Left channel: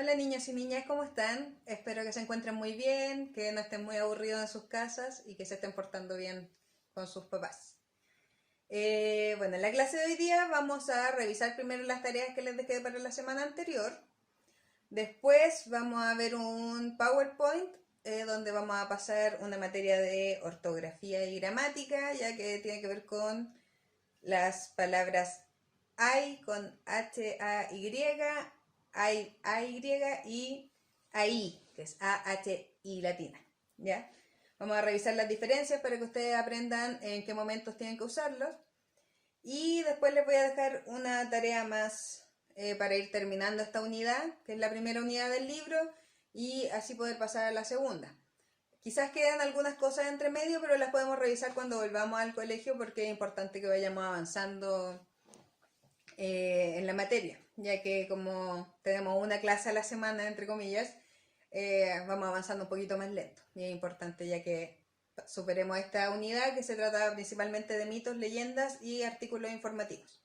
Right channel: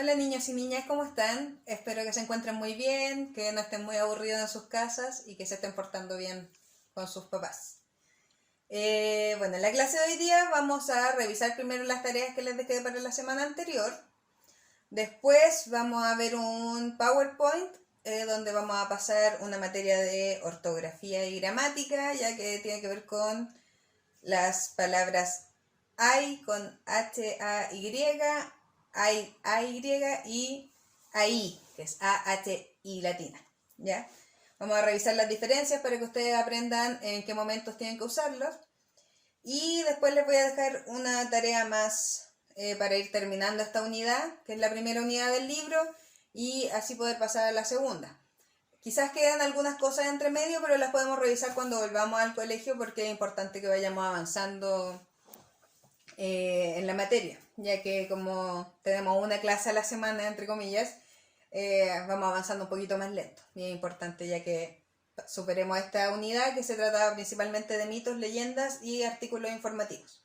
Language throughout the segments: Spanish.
Hola niños y niñas, ¿cómo están? Espero que se encuentren muy bien, que no estén muy aburridos en sus casas y que se estén portando bien con sus papás. Bueno, en la clase de hoy día vamos a revisar primero las tareas que les dejé para la semana anterior. Después vamos a ver un PowerPoint donde vamos a pasar una materia de ortografía y gramática, ya que tiene que ver con las palabras hay con H-A-Y, A-Y y ahí, que es A-H-I latina. ¿Ya? Vamos a revisar las diferencias para que ustedes aprendan en qué momentos tienen que usarlos. Y después les voy a dejar una tarea más para ir terminando esta unidad, que es la primera unidad del libro, y así poder pasar a la segunda. Quizás quedan algunas cosas entre medio, pero las podemos revisar cuando volvamos al colegio porque es importante que vayamos avanzando en la materia, ya que como tenemos una clase a la semana, entre comillas, vamos avanzando un poquito más lento. Y es importante ya que superemos esta unidad que se trata principalmente de mitos, leyendas y artículos informativos.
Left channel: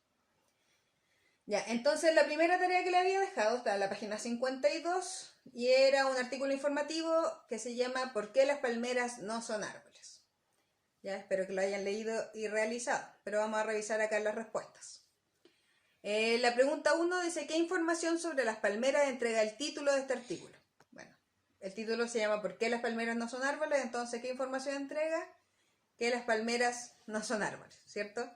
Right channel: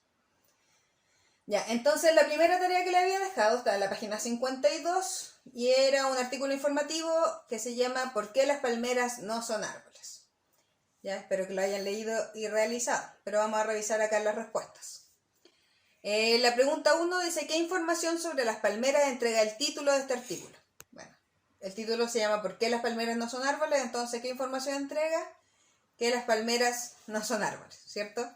Ya, entonces la primera tarea que le había dejado está en la página 52 y era un artículo informativo que se llama ¿Por qué las palmeras no son árboles? Ya, espero que lo hayan leído y realizado, pero vamos a revisar acá las respuestas. La pregunta 1 dice, ¿qué información sobre las palmeras entrega el título de este artículo? Bueno, el título se llama ¿Por qué las palmeras no son árboles? Entonces, ¿qué información entrega? Que las palmeras no son árboles, ¿cierto?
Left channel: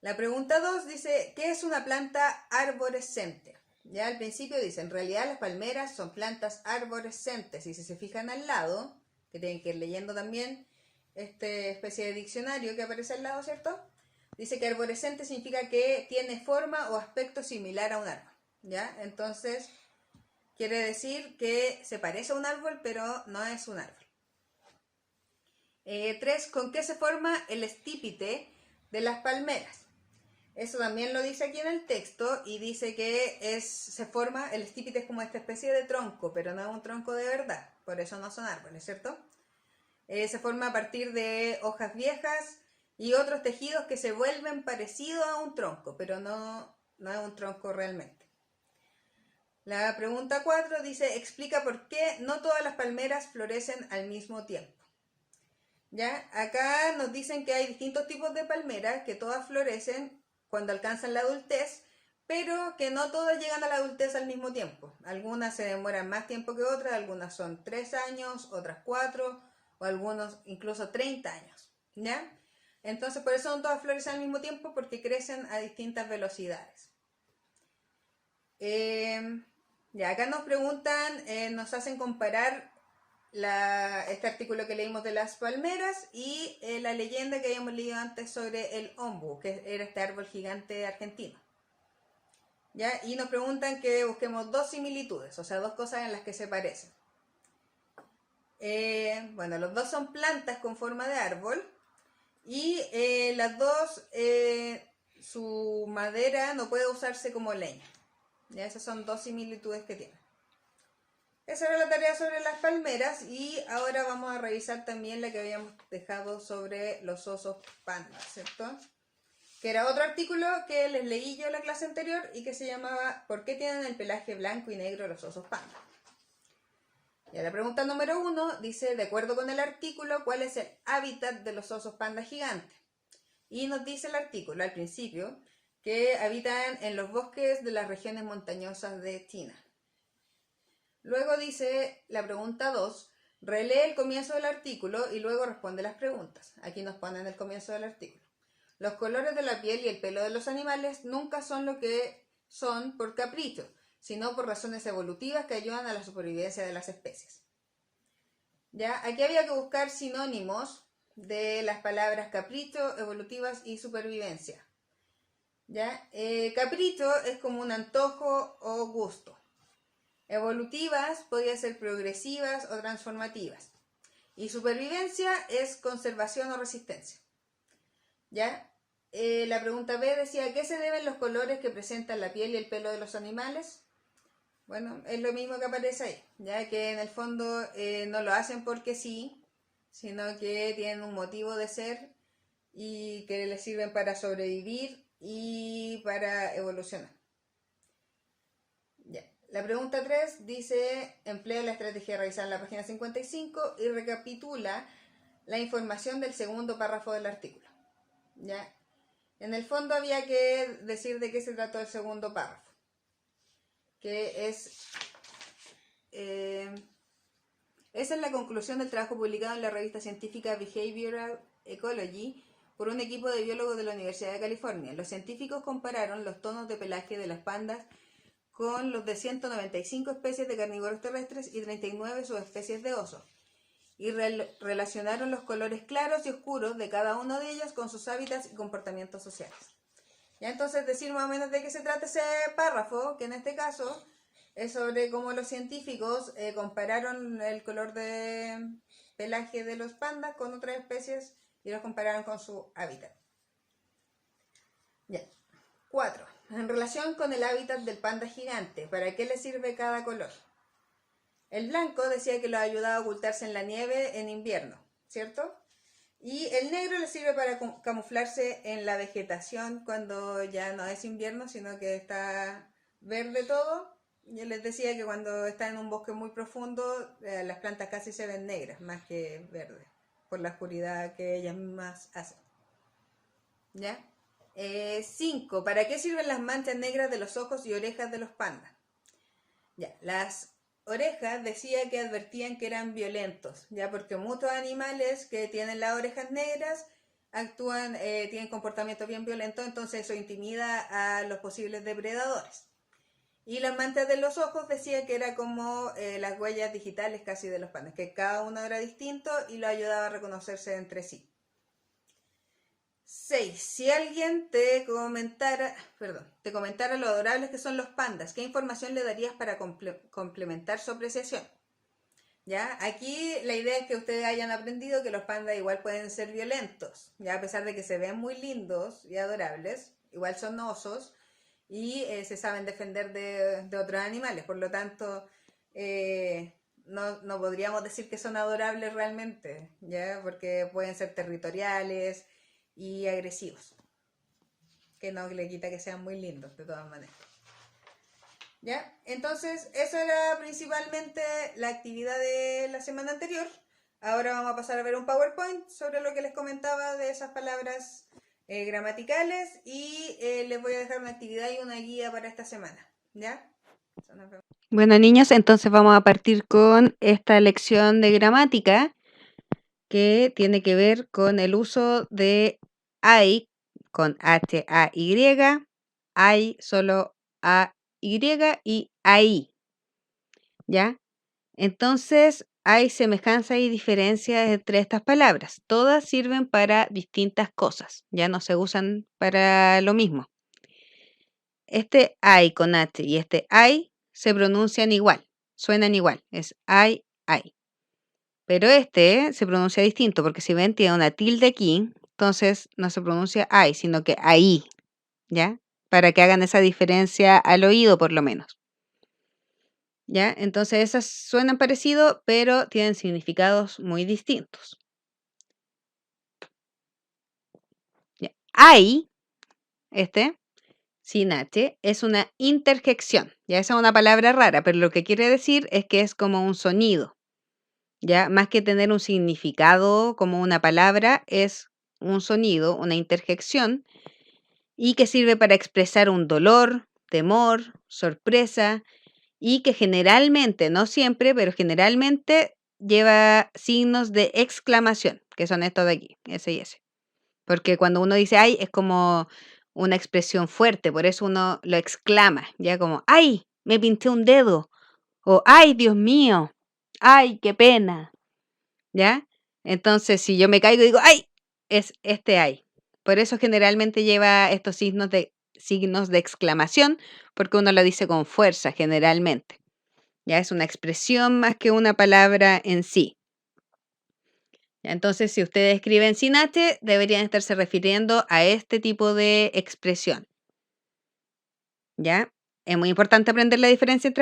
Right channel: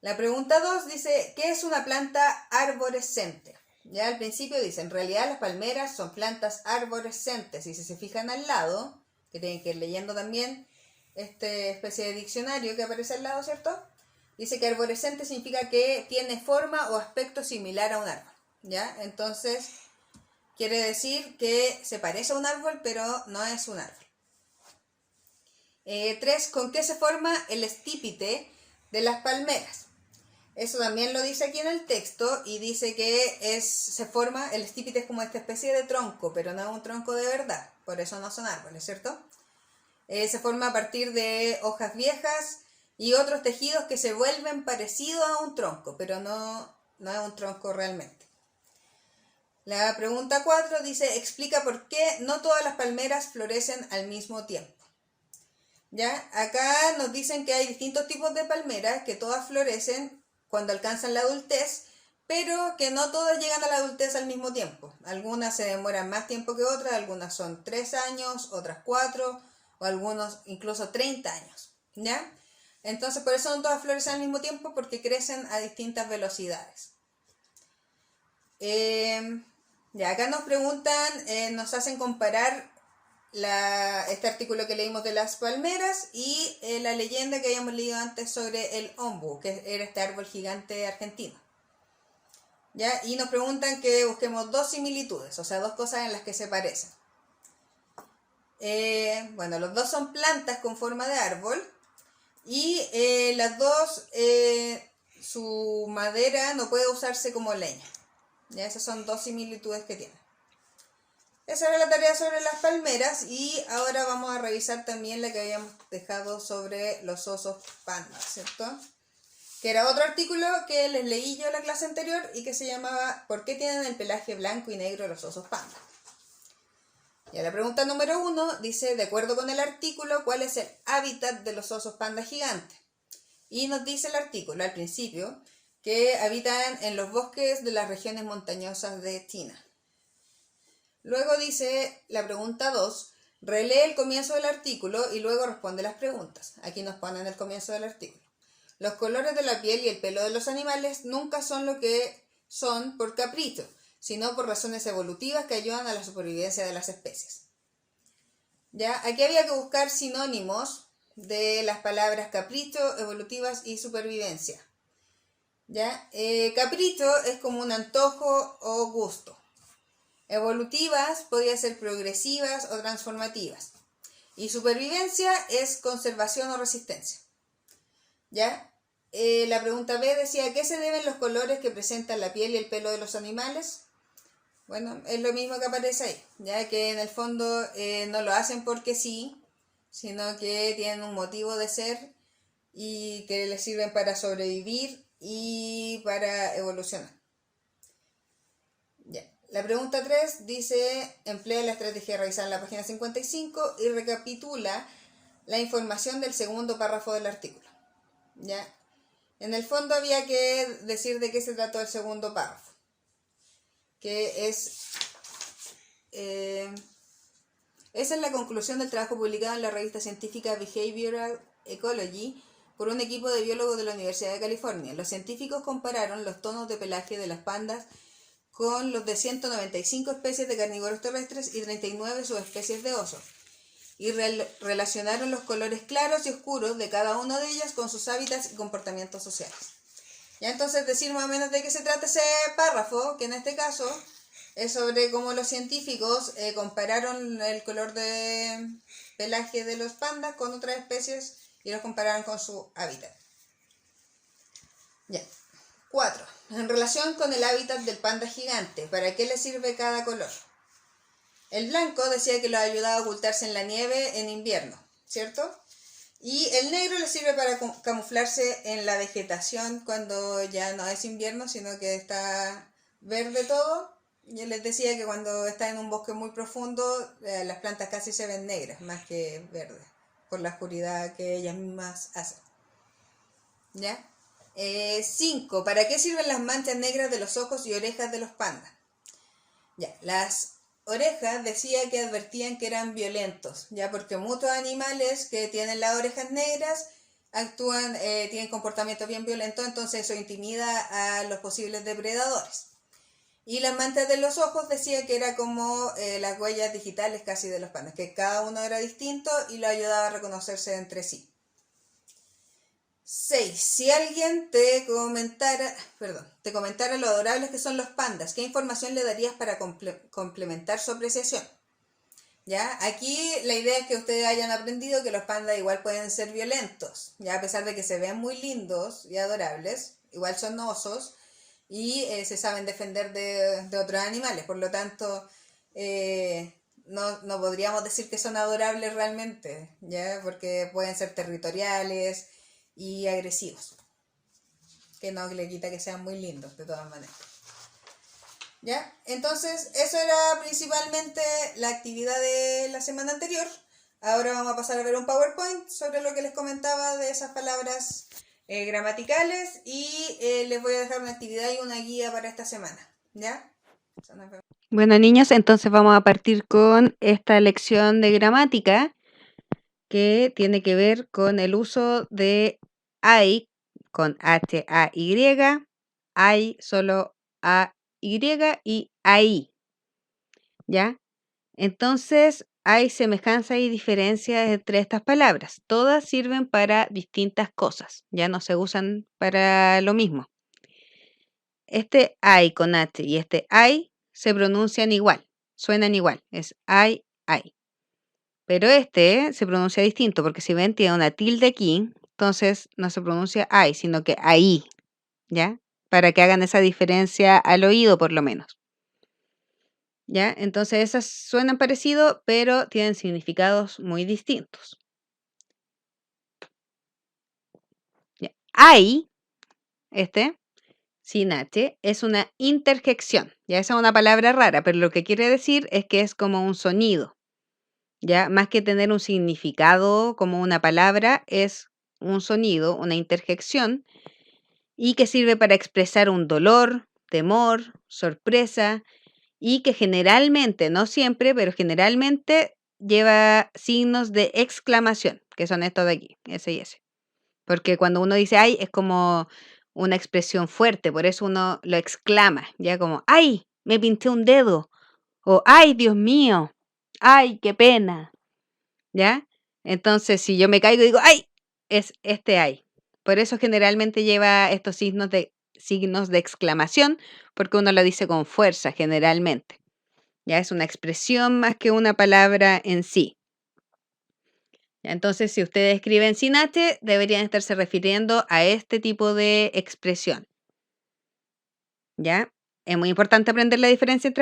La pregunta 2 dice, ¿qué es una planta arborescente? Ya al principio dice, en realidad las palmeras son plantas arborescentes. Y si se fijan al lado, que tienen que ir leyendo también esta especie de diccionario que aparece al lado, ¿cierto? Dice que arborescente significa que tiene forma o aspecto similar a un árbol, ¿ya? Entonces, quiere decir que se parece a un árbol, pero no es un árbol. 3. ¿Con qué se forma el estípite de las palmeras? Eso también lo dice aquí en el texto y dice que se forma, el estípite es como esta especie de tronco, pero no es un tronco de verdad, por eso no son árboles, ¿cierto? Se forma a partir de hojas viejas y otros tejidos que se vuelven parecidos a un tronco, pero no es un tronco realmente. La pregunta 4 dice, explica por qué no todas las palmeras florecen al mismo tiempo. ¿Ya? Acá nos dicen que hay distintos tipos de palmeras, que todas florecen cuando alcanzan la adultez, pero que no todas llegan a la adultez al mismo tiempo. Algunas se demoran más tiempo que otras, algunas son 3 años, otras 4, o algunos incluso 30 años, ¿ya? Entonces por eso no todas florecen al mismo tiempo, porque crecen a distintas velocidades. Ya acá nos preguntan, nos hacen comparar este artículo que leímos de las palmeras y la leyenda que habíamos leído antes sobre el ombu, que era este árbol gigante argentino. ¿Ya? Y nos preguntan que busquemos dos similitudes, o sea, dos cosas en las que se parecen. Bueno, los dos son plantas con forma de árbol y las dos, su madera no puede usarse como leña. ¿Ya? Esas son dos similitudes que tienen. Esa era la tarea sobre las palmeras y ahora vamos a revisar también la que habíamos dejado sobre los osos panda, ¿cierto? Que era otro artículo que les leí yo en la clase anterior y que se llamaba ¿Por qué tienen el pelaje blanco y negro los osos panda? Y la pregunta número 1 dice, de acuerdo con el artículo, ¿cuál es el hábitat de los osos panda gigantes? Y nos dice el artículo al principio que habitan en los bosques de las regiones montañosas de China. Luego dice la pregunta 2, relee el comienzo del artículo y luego responde las preguntas. Aquí nos ponen el comienzo del artículo. Los colores de la piel y el pelo de los animales nunca son lo que son por capricho, sino por razones evolutivas que ayudan a la supervivencia de las especies. ¿Ya? Aquí había que buscar sinónimos de las palabras capricho, evolutivas y supervivencia. ¿Ya? Capricho es como un antojo o gusto. Evolutivas podría ser progresivas o transformativas. Y supervivencia es conservación o resistencia. ¿Ya? La pregunta B decía, ¿a qué se deben los colores que presentan la piel y el pelo de los animales? Bueno, es lo mismo que aparece ahí, ya que en el fondo no lo hacen porque sí, sino que tienen un motivo de ser y que les sirven para sobrevivir y para evolucionar. Ya. La pregunta 3 dice, emplea la estrategia revisada en la página 55 y recapitula la información del segundo párrafo del artículo. ¿Ya? En el fondo había que decir de qué se trató el segundo párrafo, que esa es la conclusión del trabajo publicado en la revista científica Behavioral Ecology por un equipo de biólogos de la Universidad de California. Los científicos compararon los tonos de pelaje de las pandas con los de 195 especies de carnívoros terrestres y 39 subespecies de osos, y relacionaron los colores claros y oscuros de cada uno de ellas con sus hábitats y comportamientos sociales. Ya, entonces decir más o menos de qué se trata ese párrafo, que en este caso es sobre cómo los científicos compararon el color de pelaje de los pandas con otras especies y los compararon con su hábitat. Ya. 4. En relación con el hábitat del panda gigante, ¿para qué le sirve cada color? El blanco decía que lo ayudaba a ocultarse en la nieve en invierno, ¿cierto? Y el negro le sirve para camuflarse en la vegetación cuando ya no es invierno, sino que está verde todo. Yo les decía que cuando está en un bosque muy profundo, las plantas casi se ven negras, más que verdes, por la oscuridad que ellas mismas hacen. ¿Ya? 5. ¿Para qué sirven las manchas negras de los ojos y orejas de los pandas? Ya, las orejas decía que advertían que eran violentos, ya, porque muchos animales que tienen las orejas negras actúan, tienen comportamientos bien violentos, entonces eso intimida a los posibles depredadores. Y las manchas de los ojos decía que era como las huellas digitales casi de los pandas, que cada uno era distinto y lo ayudaba a reconocerse entre sí. 6. Si alguien te comentara lo adorables que son los pandas, ¿qué información le darías para complementar su apreciación? ¿Ya? Aquí la idea es que ustedes hayan aprendido que los pandas igual pueden ser violentos, ¿ya? A pesar de que se ven muy lindos y adorables, igual son osos y se saben defender de otros animales, por lo tanto no podríamos decir que son adorables realmente, ¿ya? Porque pueden ser territoriales y agresivos, que no le quita que sean muy lindos de todas maneras. ¿Ya? Entonces, eso era principalmente la actividad de la semana anterior. Ahora vamos a pasar a ver un PowerPoint sobre lo que les comentaba de esas palabras gramaticales y les voy a dejar una actividad y una guía para esta semana. ¿Ya? Bueno, niños, entonces vamos a partir con esta lección de gramática que tiene que ver con el uso de I con H-A-Y, I solo A-Y y ahí, ¿ya? Entonces hay semejanza y diferencias entre estas palabras. Todas sirven para distintas cosas, ya no se usan para lo mismo. Este I con H y este I se pronuncian igual, suenan igual, es I. Pero este se pronuncia distinto, porque si ven tiene una tilde aquí, entonces no se pronuncia I, sino que ahí, ¿ya? Para que hagan esa diferencia al oído por lo menos. ¿Ya? Entonces esas suenan parecido, pero tienen significados muy distintos. ¿Ya? I, sin H, es una interjección. Ya esa es una palabra rara, pero lo que quiere decir es que es como un sonido. Ya, más que tener un significado como una palabra, es un sonido, una interjección, y que sirve para expresar un dolor, temor, sorpresa, y que generalmente, no siempre, pero generalmente lleva signos de exclamación, que son estos de aquí, S y S. Porque cuando uno dice ay, es como una expresión fuerte, por eso uno lo exclama, ya como ay, me pinté un dedo, o ay, Dios mío, ay, qué pena. ¿Ya? Entonces, si yo me caigo y digo, ¡ay! Es este ay. Por eso generalmente lleva estos signos de exclamación, porque uno lo dice con fuerza generalmente. Ya es una expresión más que una palabra en sí. ¿Ya? Entonces, si ustedes escriben sin H, deberían estarse refiriendo a este tipo de expresión. ¿Ya? Es muy importante aprender la diferencia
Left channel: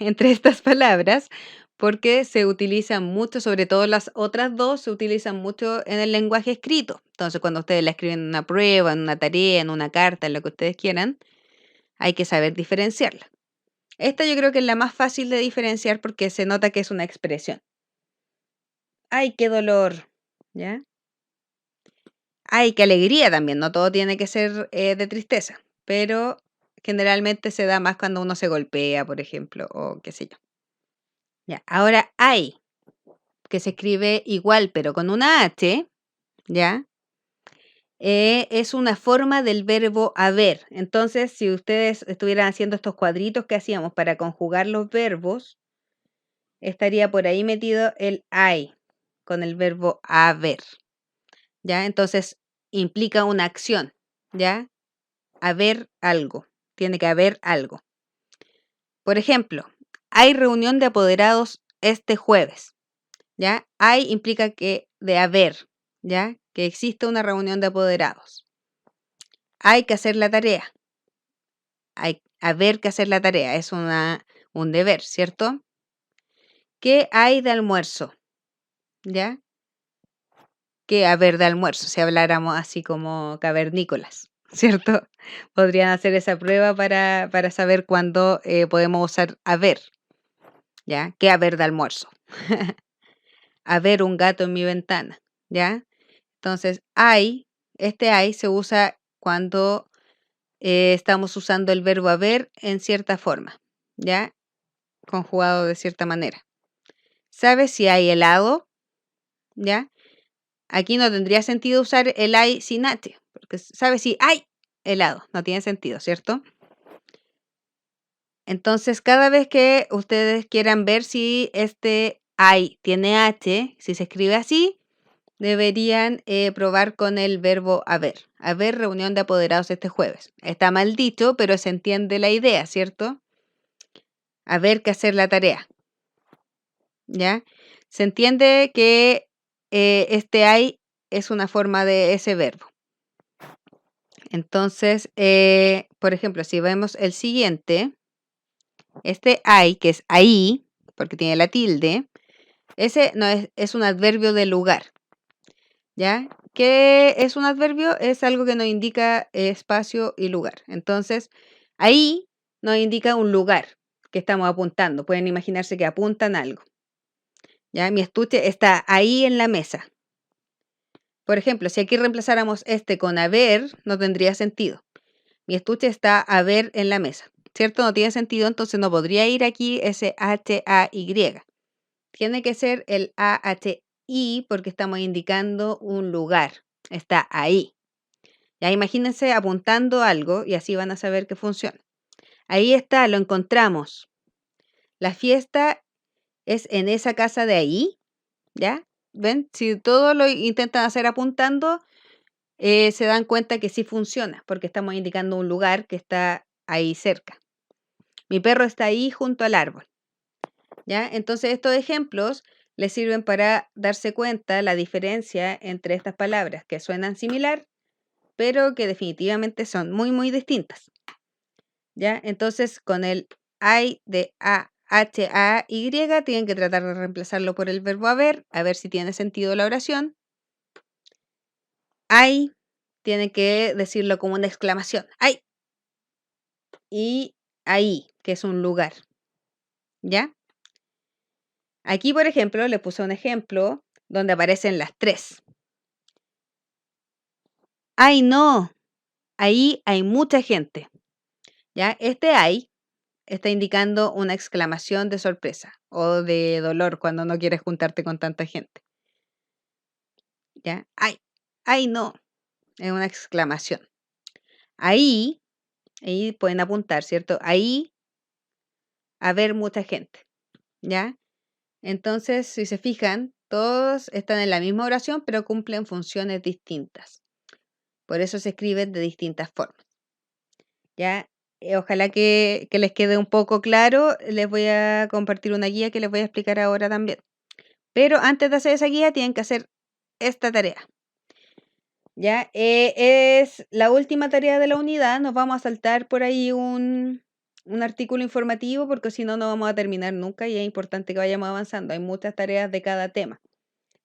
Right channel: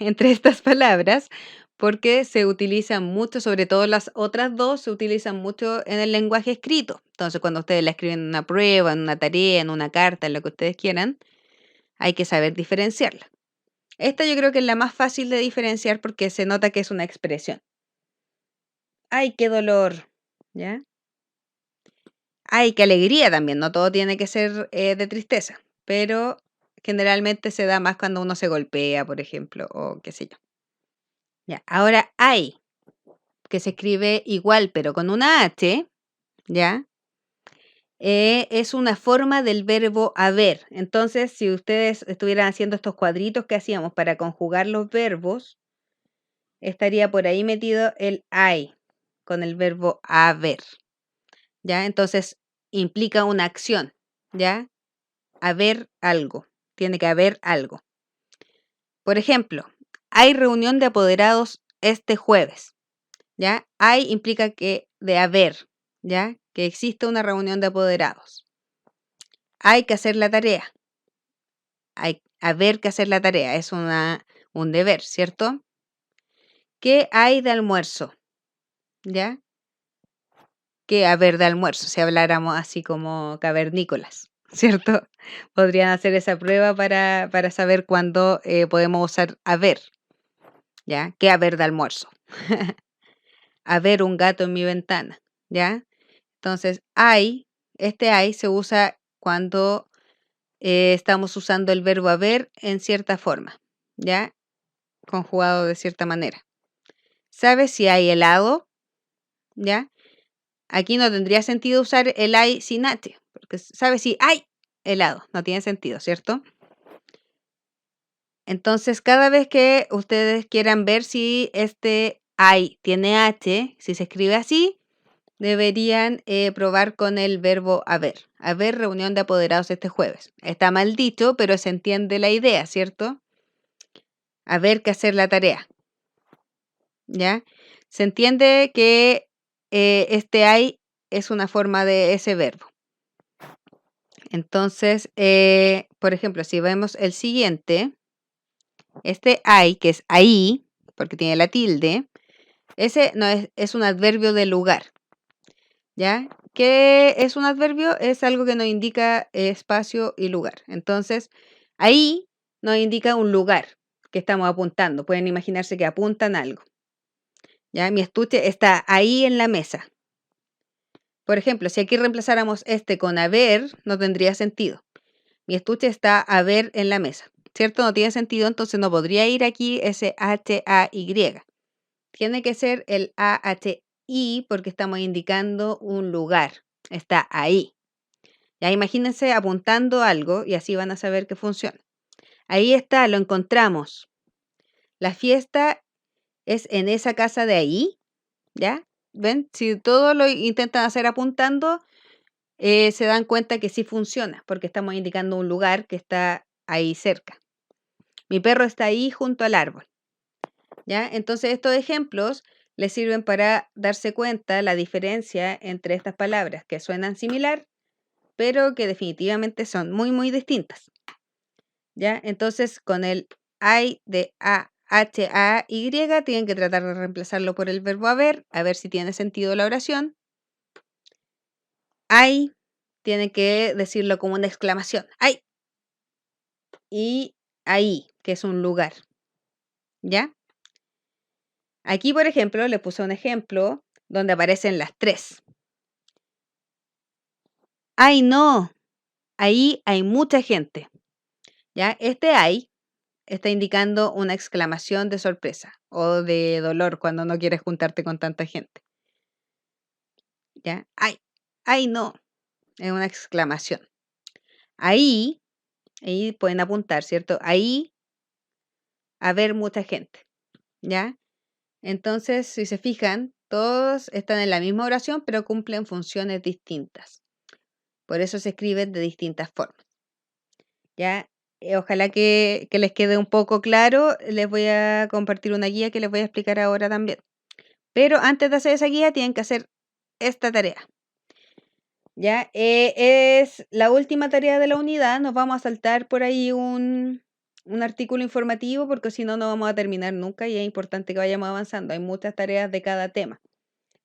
entre estas palabras porque se utilizan mucho, sobre todo las otras dos, se utilizan mucho en el lenguaje escrito. Entonces, cuando ustedes la escriben en una prueba, en una tarea, en una carta, en lo que ustedes quieran, hay que saber diferenciarla. Esta yo creo que es la más fácil de diferenciar porque se nota que es una expresión. ¡Ay, qué dolor! ¿Ya? ¡Ay, qué alegría también! No todo tiene que ser de tristeza, pero generalmente se da más cuando uno se golpea, por ejemplo, o qué sé yo. Ya, ahora ay, que se escribe igual, pero con una H, ¿ya? Es una forma del verbo haber. Entonces, si ustedes estuvieran haciendo estos cuadritos que hacíamos para conjugar los verbos, estaría por ahí metido el I con el verbo haber, ¿ya? Entonces, implica una acción, ¿ya? Haber algo, tiene que haber algo. Por ejemplo, hay reunión de apoderados este jueves, ¿ya? Hay implica que de haber, ¿ya? Que existe una reunión de apoderados. Hay que hacer la tarea. Hay haber que hacer la tarea, es un deber, ¿cierto? ¿Qué hay de almuerzo? ¿Ya? ¿Qué haber de almuerzo? Si habláramos así como cavernícolas, ¿cierto? Podrían hacer esa prueba para saber cuándo podemos usar haber, ¿ya? ¿Qué haber de almuerzo? Haber un gato en mi ventana, ¿ya? Entonces, hay, este hay se usa cuando estamos usando el verbo haber en cierta forma, ¿ya? Conjugado de cierta manera. ¿Sabes si hay helado? ¿Ya? Aquí no tendría sentido usar el hay sin H, porque ¿sabes si hay helado? No tiene sentido, ¿cierto? Entonces, cada vez que ustedes quieran ver si este hay tiene H, si se escribe así, deberían probar con el verbo haber. Haber reunión de apoderados este jueves. Está mal dicho, pero se entiende la idea, ¿cierto? Haber que hacer la tarea. ¿Ya? Se entiende que este hay es una forma de ese verbo. Entonces, por ejemplo, si vemos el siguiente, este hay, que es ahí, porque tiene la tilde, ese no es un adverbio de lugar. ¿Ya? ¿Qué es un adverbio? Es algo que nos indica espacio y lugar. Entonces, ahí nos indica un lugar que estamos apuntando. Pueden imaginarse que apuntan algo. ¿Ya? Mi estuche está ahí en la mesa. Por ejemplo, si aquí reemplazáramos este con haber, no tendría sentido. Mi estuche está a ver en la mesa. ¿Cierto? No tiene sentido, entonces no podría ir aquí ese H-A-Y. Tiene que ser el A-H-I porque estamos indicando un lugar. Está ahí. Ya imagínense apuntando algo y así van a saber que funciona. Ahí está, lo encontramos. La fiesta es en esa casa de ahí, ¿ya? ¿Ven? Si todo lo intentan hacer apuntando, se dan cuenta que sí funciona, porque estamos indicando un lugar que está ahí cerca. Mi perro está ahí junto al árbol, ¿ya? Entonces estos ejemplos les sirven para darse cuenta la diferencia entre estas palabras que suenan similar, pero que definitivamente son muy, muy distintas. ¿Ya? Entonces, con el hay de A, H, A, Y, tienen que tratar de reemplazarlo por el verbo haber, a ver si tiene sentido la oración. Hay, tienen que decirlo como una exclamación. ¡Ay! Y ahí, que es un lugar. ¿Ya? Aquí, por ejemplo, le puse un ejemplo donde aparecen las tres. ¡Ay, no! Ahí hay mucha gente. ¿Ya? Este hay está indicando una exclamación de sorpresa o de dolor cuando no quieres juntarte con tanta gente. ¿Ya? ¡Ay! ¡Ay, no! Es una exclamación. Ahí pueden apuntar, ¿cierto? Ahí a ver mucha gente. ¿Ya? Entonces, si se fijan, todos están en la misma oración, pero cumplen funciones distintas. Por eso se escriben de distintas formas. ¿Ya? Ojalá que les quede un poco claro. Les voy a compartir una guía que les voy a explicar ahora también. Pero antes de hacer esa guía, tienen que hacer esta tarea. ¿Ya? Es la última tarea de la unidad. Nos vamos a saltar por ahí un artículo informativo porque si no, no vamos a terminar nunca y es importante que vayamos avanzando. Hay muchas tareas de cada tema.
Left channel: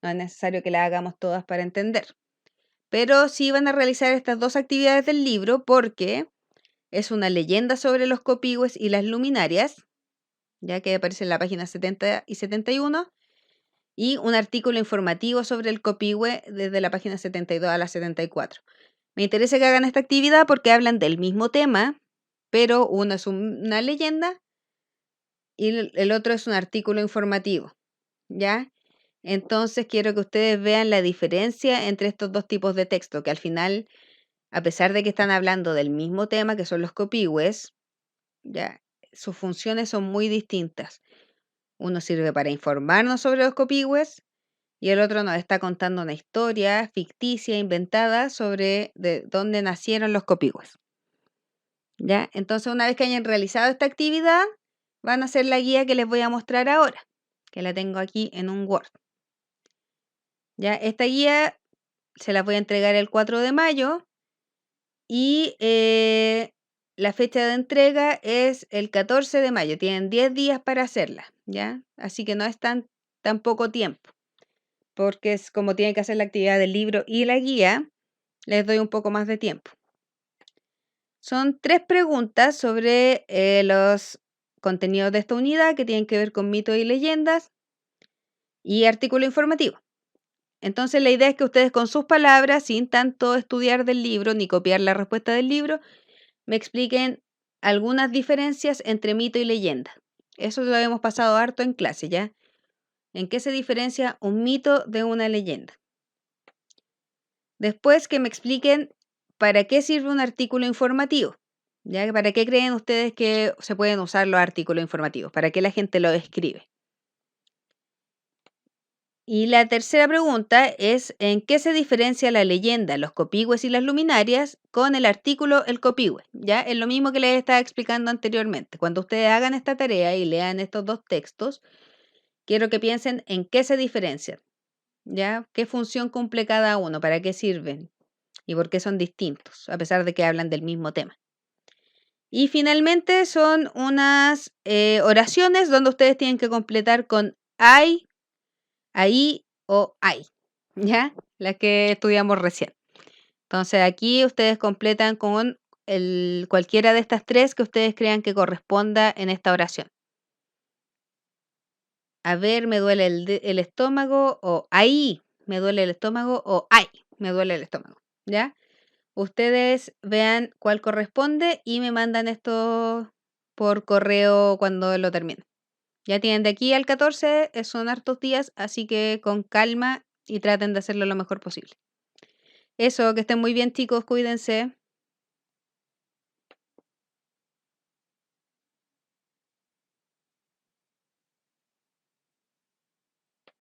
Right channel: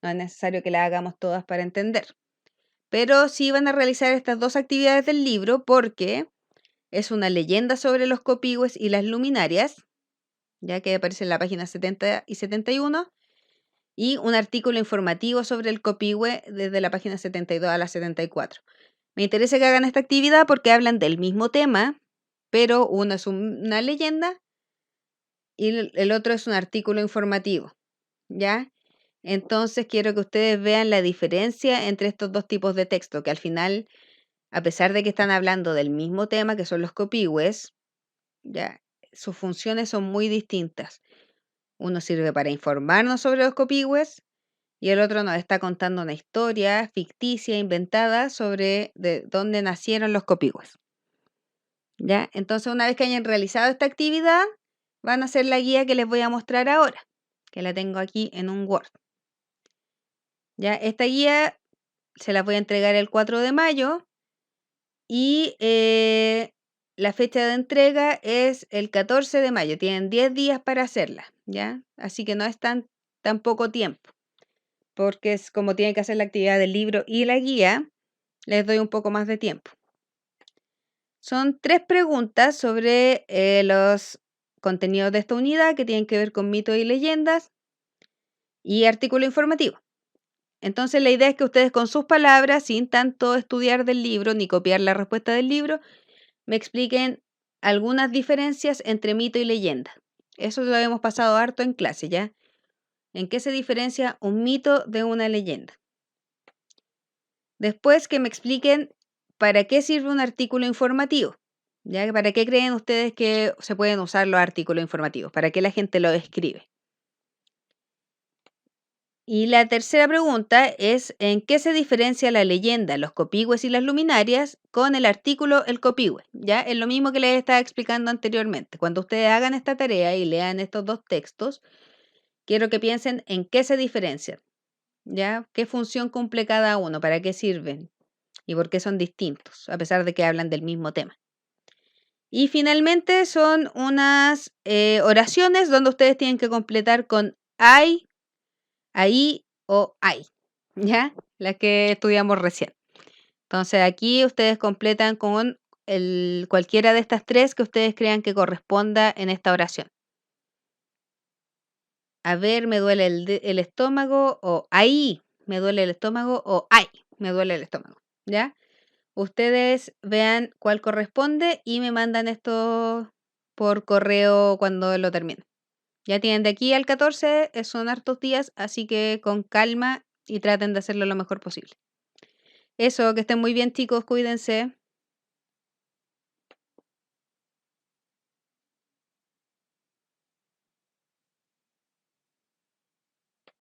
No es necesario que las hagamos todas para entender. Pero sí van a realizar estas dos actividades del libro porque es una leyenda sobre los copihue y las luminarias, ya que aparece en la página 70 y 71, y un artículo informativo sobre el copihue desde la página 72 a la 74. Me interesa que hagan esta actividad porque hablan del mismo tema, pero uno es una leyenda y el otro es un artículo informativo, ¿ya? Entonces quiero que ustedes vean la diferencia entre estos dos tipos de texto, que al final, a pesar de que están hablando del mismo tema, que son los copihues, ya, sus funciones son muy distintas. Uno sirve para informarnos sobre los copihues y el otro nos está contando una historia ficticia, inventada, sobre de dónde nacieron los copihues. ¿Ya? Entonces, una vez que hayan realizado esta actividad, van a hacer la guía que les voy a mostrar ahora, que la tengo aquí en un Word. ¿Ya? Esta guía se la voy a entregar el 4 de mayo y la fecha de entrega es el 14 de mayo. Tienen 10 días para hacerla, ¿ya? Así que no es tan poco tiempo, porque es como tienen que hacer la actividad del libro y la guía, les doy un poco más de tiempo. Son 3 preguntas sobre los contenidos de esta unidad que tienen que ver con mitos y leyendas y artículo informativo. Entonces la idea es que ustedes con sus palabras, sin tanto estudiar del libro ni copiar la respuesta del libro, me expliquen algunas diferencias entre mito y leyenda. Eso lo hemos pasado harto en clase, ¿ya? ¿En qué se diferencia un mito de una leyenda? Después que me expliquen para qué sirve un artículo informativo. ¿Ya? ¿Para qué creen ustedes que se pueden usar los artículos informativos? ¿Para qué la gente los escribe? Y la tercera pregunta es, ¿en qué se diferencia la leyenda, los copihue y las luminarias con el artículo, el copihue? ¿Ya? Es lo mismo que les estaba explicando anteriormente. Cuando ustedes hagan esta tarea y lean estos dos textos, quiero que piensen en qué se diferencian. ¿Ya? ¿Qué función cumple cada uno? ¿Para qué sirven? ¿Y por qué son distintos? A pesar de que hablan del mismo tema. Y finalmente son unas oraciones donde ustedes tienen que completar con hay, ahí o hay, ¿ya? Las que estudiamos recién. Entonces aquí ustedes completan con cualquiera de estas 3 que ustedes crean que corresponda en esta oración. A ver, me duele el estómago, o ahí me duele el estómago, o ay, me duele el estómago, ¿ya? Ustedes vean cuál corresponde y me mandan esto por correo cuando lo terminen. Ya tienen de aquí al 14, son hartos días, así que con calma y traten de hacerlo lo mejor posible. Eso, que estén muy bien, chicos, cuídense.